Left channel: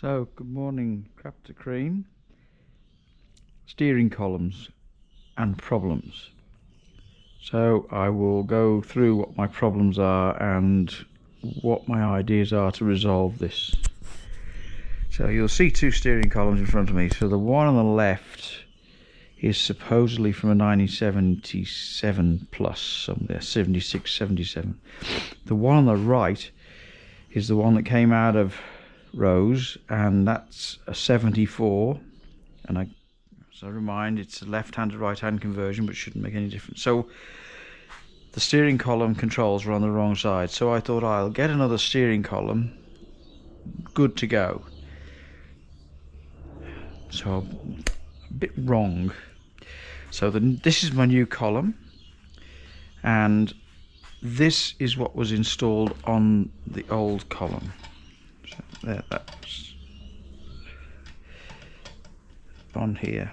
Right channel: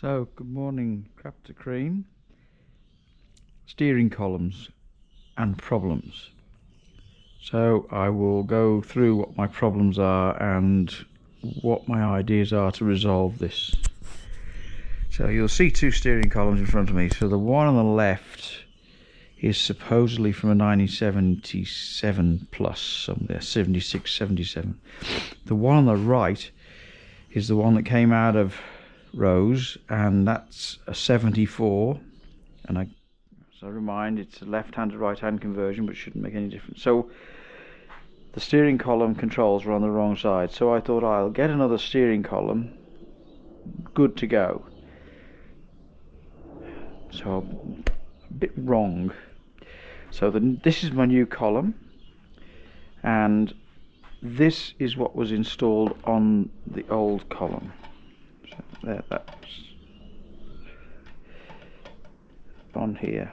So, good morning, Crafter Cream. Steering columns and problems. So, I will go through what my problems are and what my ideas are to resolve this. So, you'll see two steering columns in front of me. So, the one on the left is supposedly from a 1977 plus, somewhere 76, 77. The one on the right is the one that came out of Rose, and that's a 74, and as I remind, it's a left-hand to right-hand conversion, but it shouldn't make any difference. So the steering column controls were on the wrong side, so I thought I'll get another steering column good to go. So a bit wrong. So this is my new column, and this is what was installed on the old column. So there, that's on here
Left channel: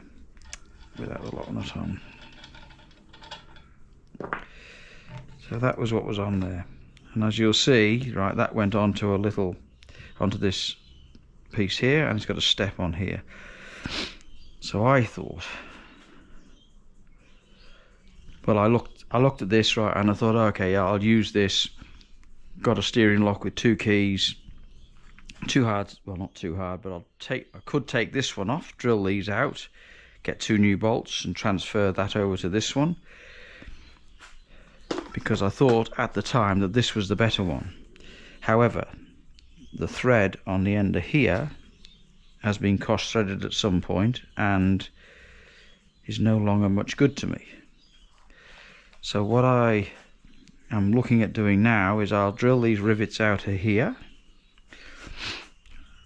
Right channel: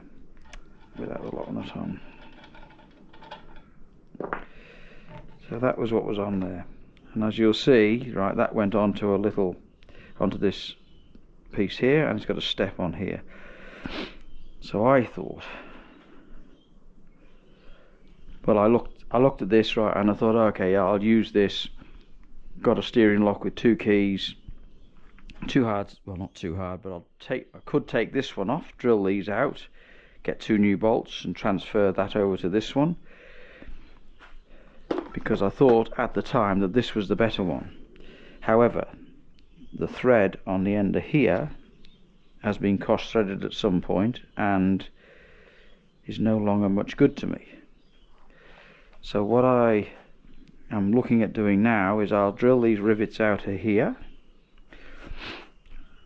without the lock nut on. So that was what was on there, and as you'll see, right, that went onto this piece here, and it's got a step on here. So I thought, well, I looked at this, right, and I thought, okay, yeah, I'll use this. Got a steering lock with two keys. Too hard, well, not too hard, but I could take this one off, drill these out, get two new bolts and transfer that over to this one, because I thought at the time that this was the better one. However, the thread on the end of here has been cross threaded at some point and is no longer much good to me. So what I am looking at doing now is I'll drill these rivets out of here,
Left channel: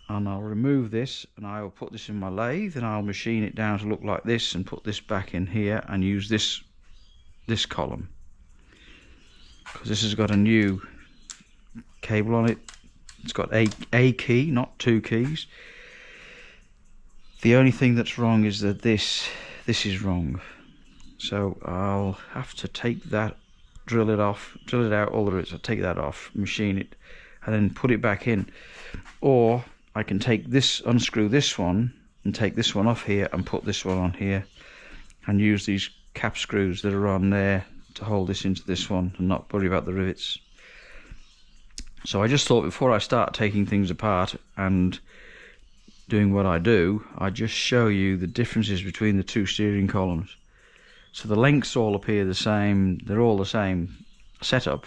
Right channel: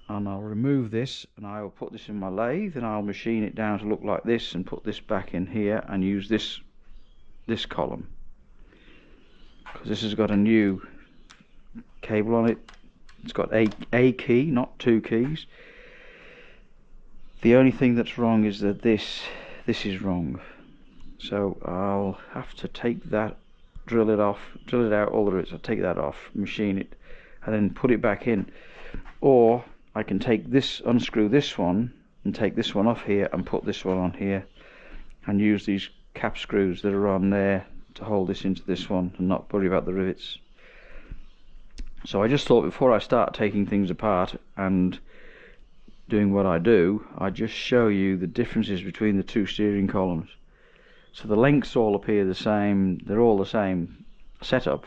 and I'll remove this, and I will put this in my lathe, and I'll machine it down to look like this, and put this back in here and use this column, because this has got a new cable on it. It's got a key, not two keys. The only thing that's wrong is that this is wrong. So I'll have to take that, drill it out, all there is. I'll take that off, machine it, and then put it back in. Or I can take this, unscrew this one, and take this one off here and put this one on here, and use these cap screws that are on there to hold this into this one and not worry about the rivets. So I just thought, before I start taking things apart and doing what I do, I just show you the differences between the two steering columns. So the lengths all appear the same, they're all the same setup.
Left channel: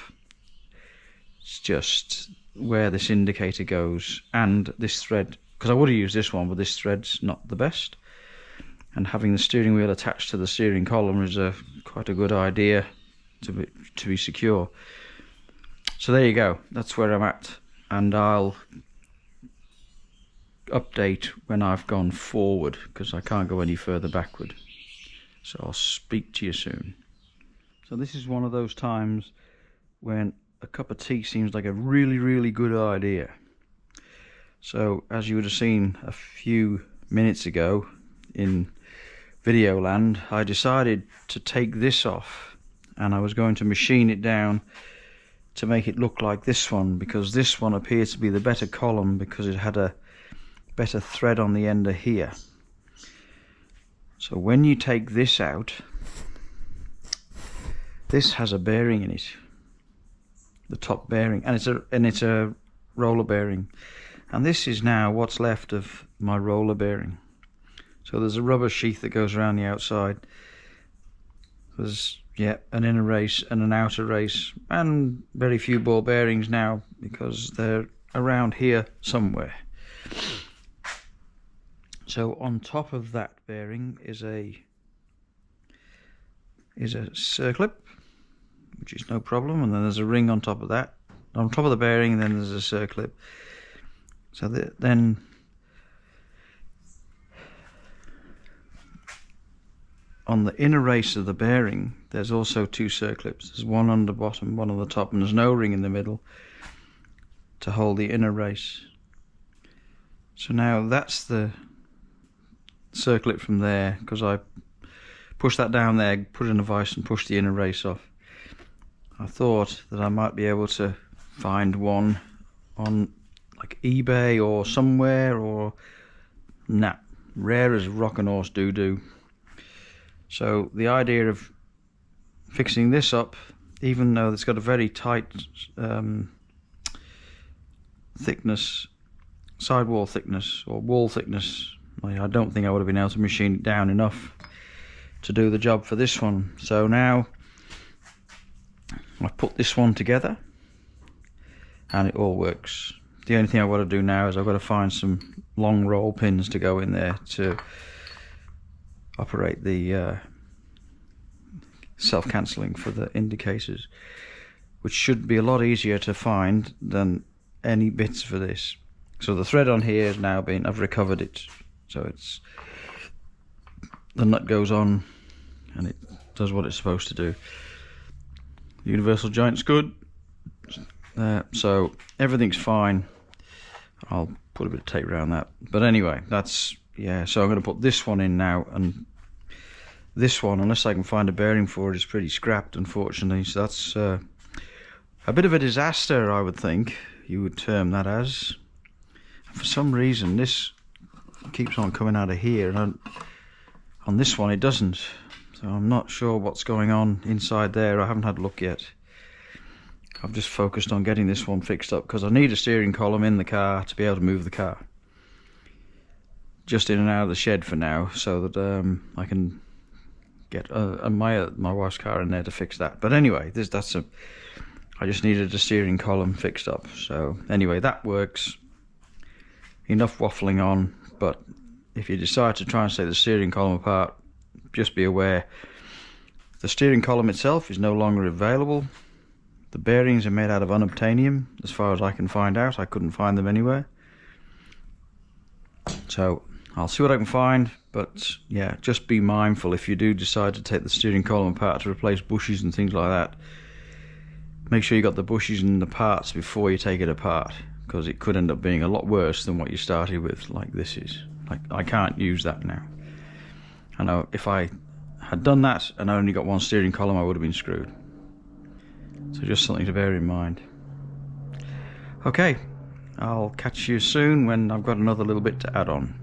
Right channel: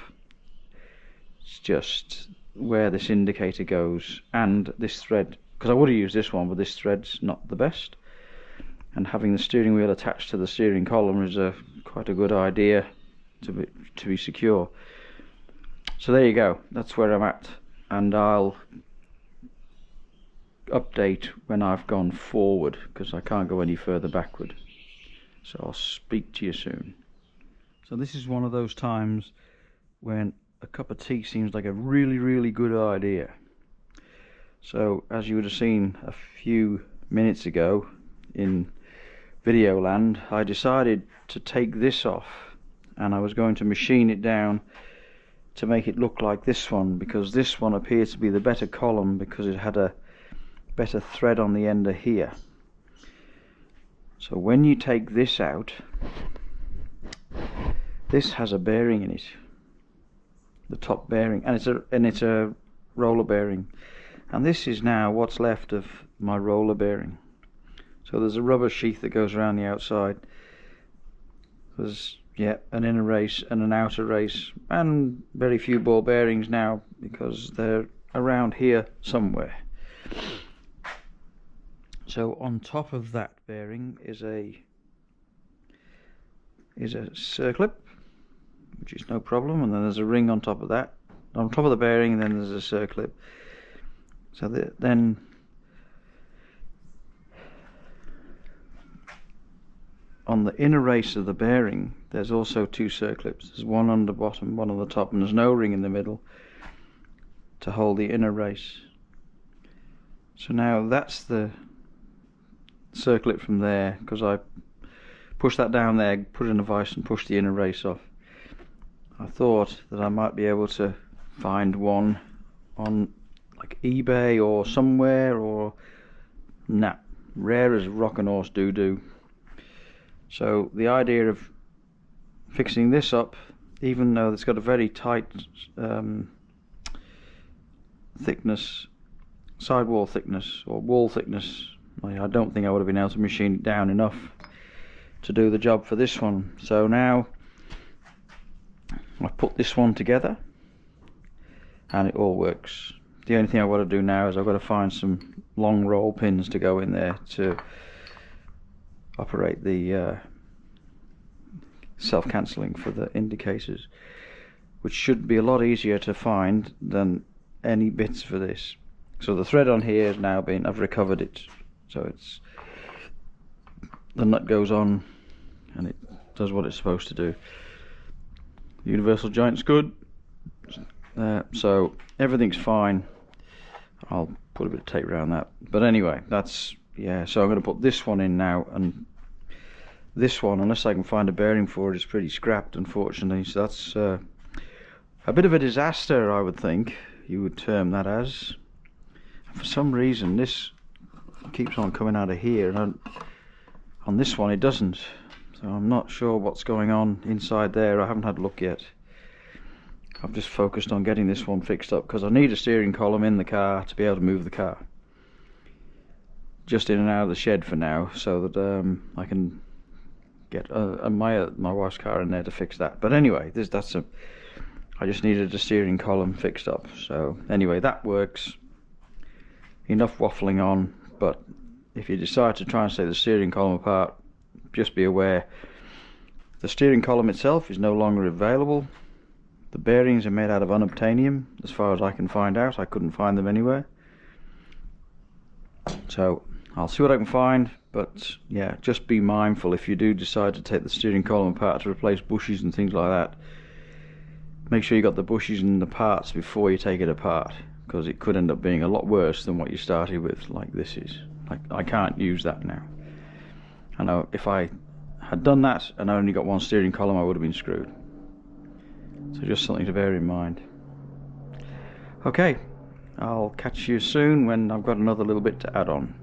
It's just where this indicator goes and this thread, because I would have used this one, but this thread's not the best, and having the steering wheel attached to the steering column is quite a good idea to be secure. So there you go, that's where I'm at, and I'll update when I've gone forward, because I can't go any further backward. So I'll speak to you soon. So this is one of those times when a cup of tea seems like a really good idea. So as you would have seen a few minutes ago in video land, I decided to take this off, and I was going to machine it down to make it look like this one, because this one appears to be the better column because it had a better thread on the end of here. So when you take this out, this has a bearing in it, the top bearing, and it's a roller bearing, and this is now what's left of my roller bearing. So there's a rubber sheath that goes around the outside. There's an inner race and an outer race, and very few ball bearings now because they're around here somewhere. So on top of that bearing is a circlip, which is no problem, and then there's a ring on top of that, on top of the bearing, and then there's a circlip. So then on the inner race of the bearing there's also two circlips. There's one on the bottom, one on the top, and there's no ring in the middle to hold the inner race. So now that's the circlip from there, because I pushed that down there, put it in a vise and pushed the inner race off. I thought that I might be able to find one on like eBay or somewhere, or nah, rare as rock and horse doo-doo. So the idea of fixing this up, even though it's got a very tight thickness, sidewall thickness or wall thickness, I don't think I would have been able to machine it down enough to do the job for this one. So now I've put this one together and it all works. The only thing I've got to do now is I've got to find some long roll pins to go in there to operate the self-cancelling for the indicators, which should be a lot easier to find than any bits for this. So the thread on here has now been, I've recovered it, so it's, the nut goes on and it does what it's supposed to do. The universal joint's good, so everything's fine. I'll put a bit of tape around that, but anyway, that's, yeah, so I'm going to put this one in now, and this one, unless I can find a bearing for it, is pretty scrapped, unfortunately. So that's a bit of a disaster, I would think you would term that as. For some reason this keeps on coming out of here, and on this one it doesn't, so I'm not sure what's going on inside there. I haven't had a look yet. I've just focused on getting this one fixed up because I need a steering column in the car to be able to move the car just in and out of the shed for now, so that I can get my wife's car in there to fix that. But anyway, I just needed a steering column fixed up. So anyway, that works. Enough waffling on, but if you decide to try and take the steering column apart, just be aware the steering column itself is no longer available. The bearings are made out of unobtainium, as far as I can find out. I couldn't find them anywhere, so I'll see what I can find. But yeah, just be mindful if you do decide to take the steering column apart to replace bushes and things like that. Make sure you got the bushes and the parts before you take it apart, because it could end up being a lot worse than what you started with, like this is. Like, I can't use that now. I know if I had done that and I only got one steering column, I would have been screwed. So just something to bear in mind. Okay, I'll catch you soon when I've got another little bit to add on.